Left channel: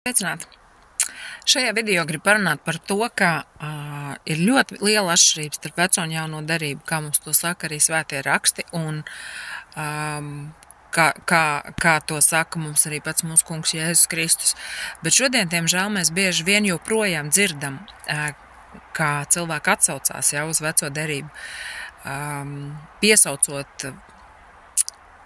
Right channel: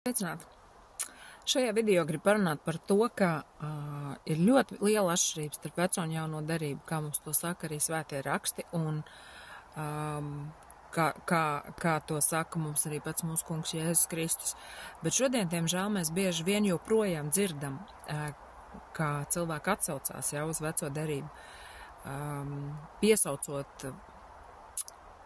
Sveicināti! Šajā video gribu parunāt par to, ka ir ļoti liela atšķirība starp veco un jauno derību, kā mums to saka arī svētie raksti, un kā to saka mums arī pats mūsu kungs Jēzus Kristus. Bet šodien, diemžēl, mēs bieži vien joprojām dzirdam, kā cilvēki atsaucās jau uz veco derību, piesaucot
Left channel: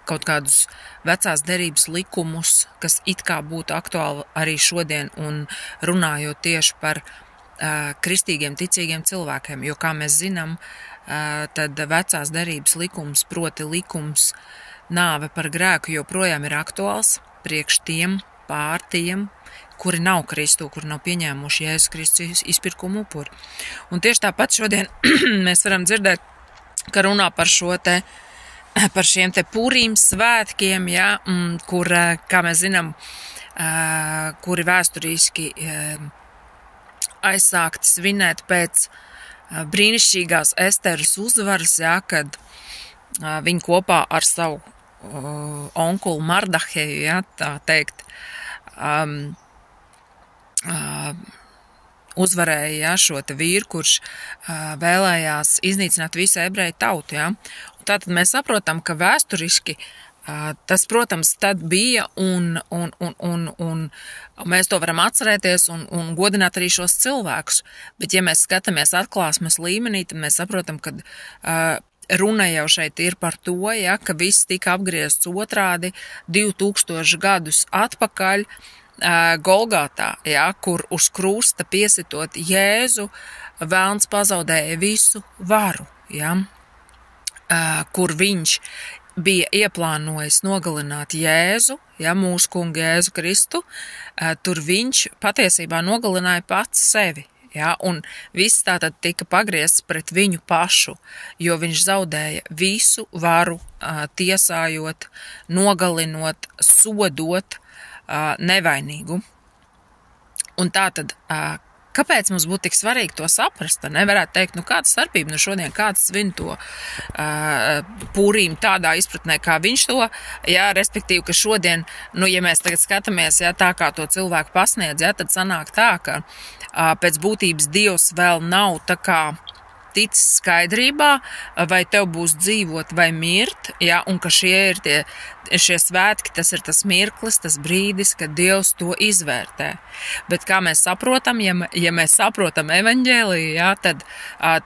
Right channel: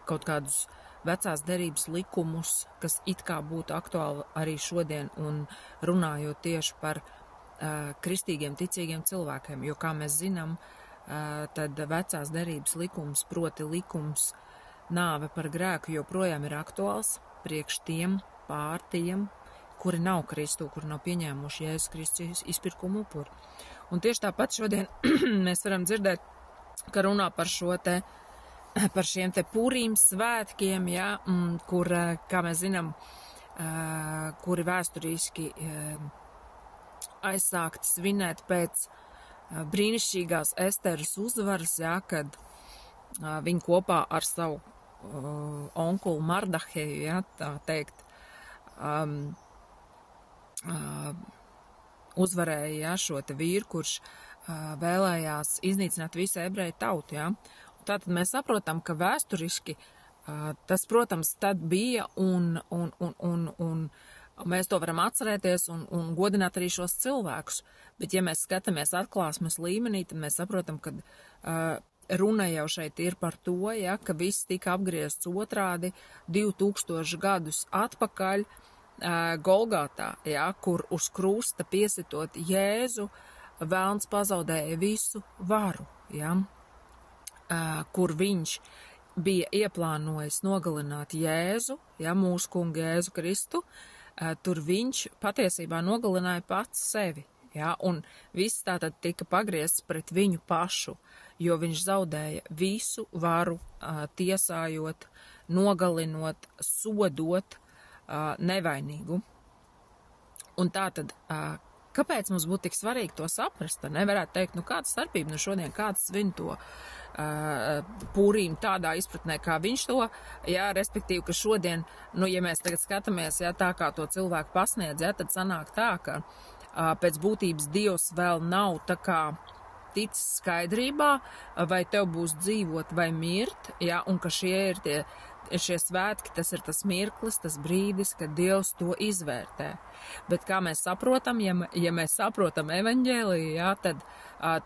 kaut kādus vecās derības likumus, kas it kā būtu aktuāli arī šodien, un runājot tieši par kristīgiem, ticīgiem cilvēkiem. Jo, kā mēs zinām, tad vecās derības likums, proti likums nāve par grēku, joprojām ir aktuāls priekš tiem pārtiem, kuri nav Kristu, kuri nav pieņēmuši Jēzus Kristus izpirkumu upuri. Un tieši tāpat šodien mēs varam dzirdēt, ka runā par šiem te Pūrīm svētkiem, ja, kur, kā mēs zinām, kuri vēsturiski aizsākti svinēt pēc brīnišķīgās Esteras uzvaras, ja, kad viņi kopā ar savu onkulu Mardaheju, ja, tā teikt, uzvarēja, ja, šo te vīru, kurš vēlējās iznīcināt visu ebreju tautu. Ja. Tātad mēs saprotam, ka vēsturiski tas, protams, tad bija, un mēs to varam atcerēties un godināt arī šos cilvēkus. Bet, ja mēs skatāmies atklāsmes līmenī, tad mēs saprotam, ka runa jau šeit ir par to, ja, ka viss tika apgriezts otrādi 2000 gadus atpakaļ Golgātā, ja, kur uz krusta piesitot Jēzu, velns pazaudēja visu varu, ja. Kur viņš bija ieplānojis nogalināt Jēzu, ja, mūsu kungu Jēzu Kristu, tur viņš patiesībā nogalināja pats sevi, ja, un viss tātad tika pagriezts pret viņu pašu, jo viņš zaudēja visu varu, tiesājot, nogalinot, sodot nevainīgu. Un tātad, kāpēc mums būtu tik svarīgi to saprast? Nevarētu teikt, kāda starpība no šodien, kāds svin to Pūrīm tādā izpratnē, kā viņš to, jā, respektīvi, ka šodien, ja mēs tagad skatāmies, jā, tā kā to cilvēku pasniedz, jā, tad sanāk tā, ka pēc būtības Dievs vēl nav tā kā ticis skaidrībā, vai tev būs dzīvot vai mirt, jā, un ka šie svētki, tas ir tas mirklis, tas brīdis, kad Dievs to izvērtē. Bet kā mēs saprotam, ja mēs saprotam evaņģēliju, jā, tad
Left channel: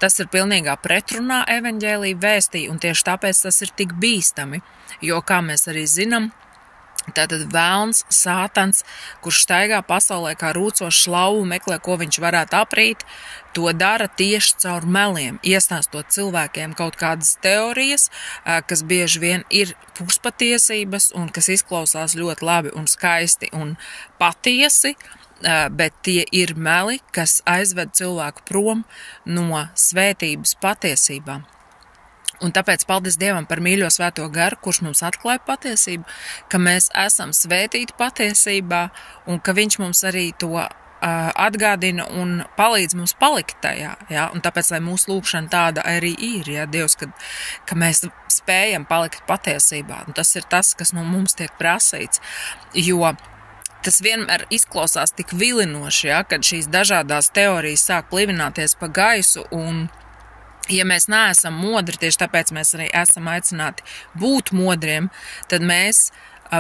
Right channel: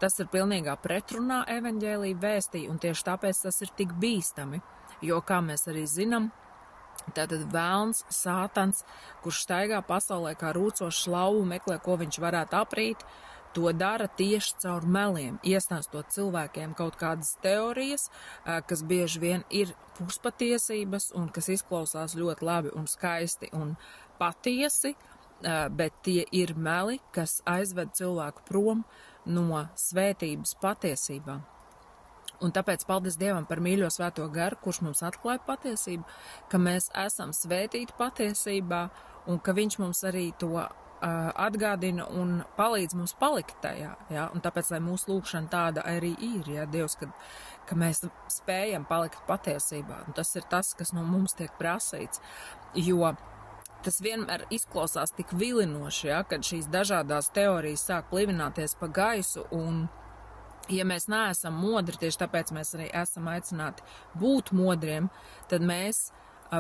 tas ir pilnīgā pretrunā evaņģēliju vēstī, un tieši tāpēc tas ir tik bīstami, jo, kā mēs arī zinām, tātad velns, sātans, kurš staigā pasaulē kā rūcošs lauva, meklē, ko viņš varētu aprīt, to dara tieši caur meliem, iestāstot cilvēkiem kaut kādas teorijas, kas bieži vien ir puspatiesības un kas izklausās ļoti labi un skaisti un patiesi, bet tie ir meli, kas aizved cilvēku prom no svētības patiesībām. Un tāpēc paldies Dievam par mīļo svēto garu, kurš mums atklāja patiesību, ka mēs esam svētīti patiesībā un ka viņš mums arī to atgādina un palīdz mums palikt tajā. Ja? Un tāpēc, lai mūsu lūkšana tāda arī ir, ja? Dievs, ka mēs spējam palikt patiesībā. Un tas ir tas, kas no mums tiek prasīts, jo tas vienmēr izklausās tik vilinoši, ja? Kad šīs dažādās teorijas sāk plivināties pa gaisu, un ja mēs neesam modri, tieši tāpēc mēs arī esam aicināti būt modriem, tad mēs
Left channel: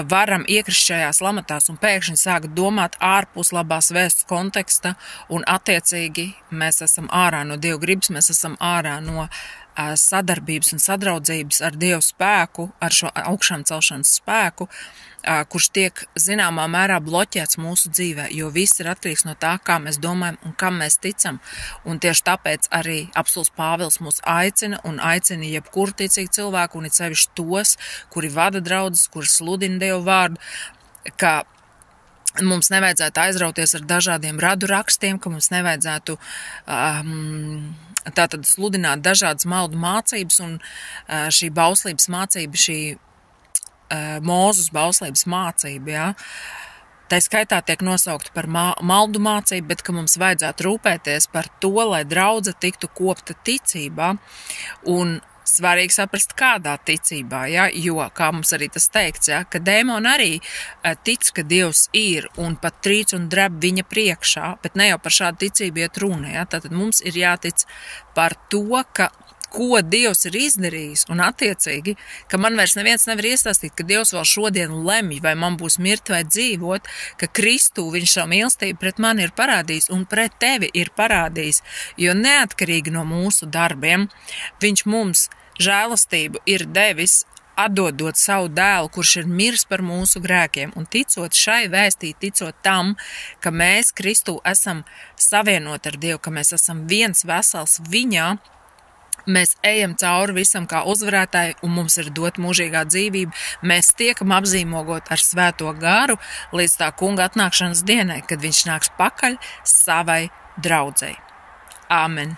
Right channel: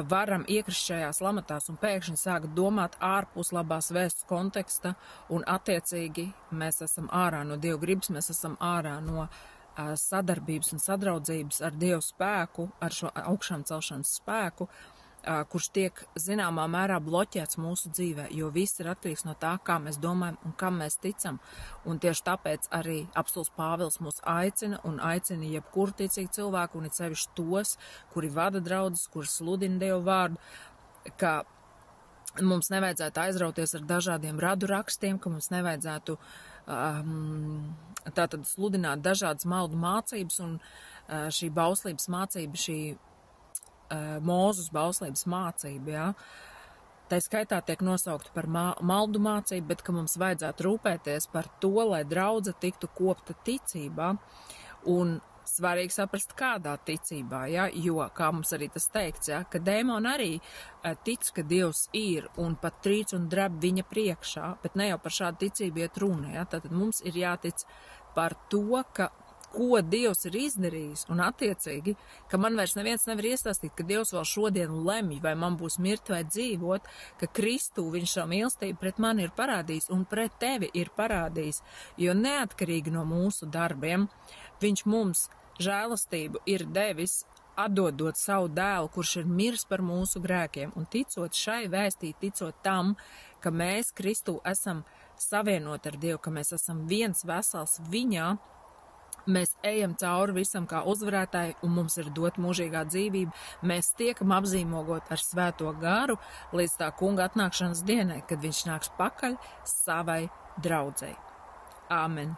varam iekrist šajās lamatās un pēkšņi sākt domāt ārpus labās vēsts konteksta, un attiecīgi mēs esam ārā no Dieva gribas, mēs esam ārā no sadarbības un sadraudzības ar Dievu spēku, ar šo augšām celšanas spēku, kurš tiek zināmā mērā bloķēts mūsu dzīvē, jo viss ir atkarīgs no tā, kā mēs domājam un kam mēs ticam. Un tieši tāpēc arī apostuls Pāvils mūs aicina jebkuru ticīgu cilvēku, un it sevišķi tos, kuri vada draudzes, kuri sludina Dievu vārdu, ka mums nevajadzētu aizrauties ar dažādiem radu rakstiem, ka mums nevajadzētu tātad sludināt dažādas maldu mācības, un šī bauslības mācība, šī Mūzus bauslības mācība, ja, tā skaitā tiek nosaukta par maldu mācību, bet ka mums vajadzētu rūpēties par to, lai draudze tiktu kopta ticībā un Svarīgi saprast, kādā ticībā, ja? Jo, kā mums arī tas teikts, ja? Ka dēmoni arī tic, ka Dievs ir un pat trīc un dreb viņa priekšā, bet ne jau par šādu ticību iet runa. Ja? Tātad mums ir jātic par to, ko Dievs ir izdarījis, un attiecīgi, ka man vairs neviens nevar iestāstīt, ka Dievs vēl šodien lemj, vai man būs mirt vai dzīvot, ka Kristū viņš savu mīlestību pret mani ir parādījis un pret tevi ir parādījis, jo neatkarīgi no mūsu darbiem, viņš mums žēlastību ir devis, atdodot savu dēlu, kurš ir miris par mūsu grēkiem, un ticot šai vēstī, ticot tam, ka mēs Kristū esam savienoti ar Dievu, ka mēs esam viens vesels viņā, mēs ejam cauri visam kā uzvarētāji, un mums ir dot mūžīgā dzīvība. Mēs tiekam apzīmogot ar svēto garu līdz tā kunga atnākšanas dienai, kad viņš nāks pakaļ savai draudzei. Āmen!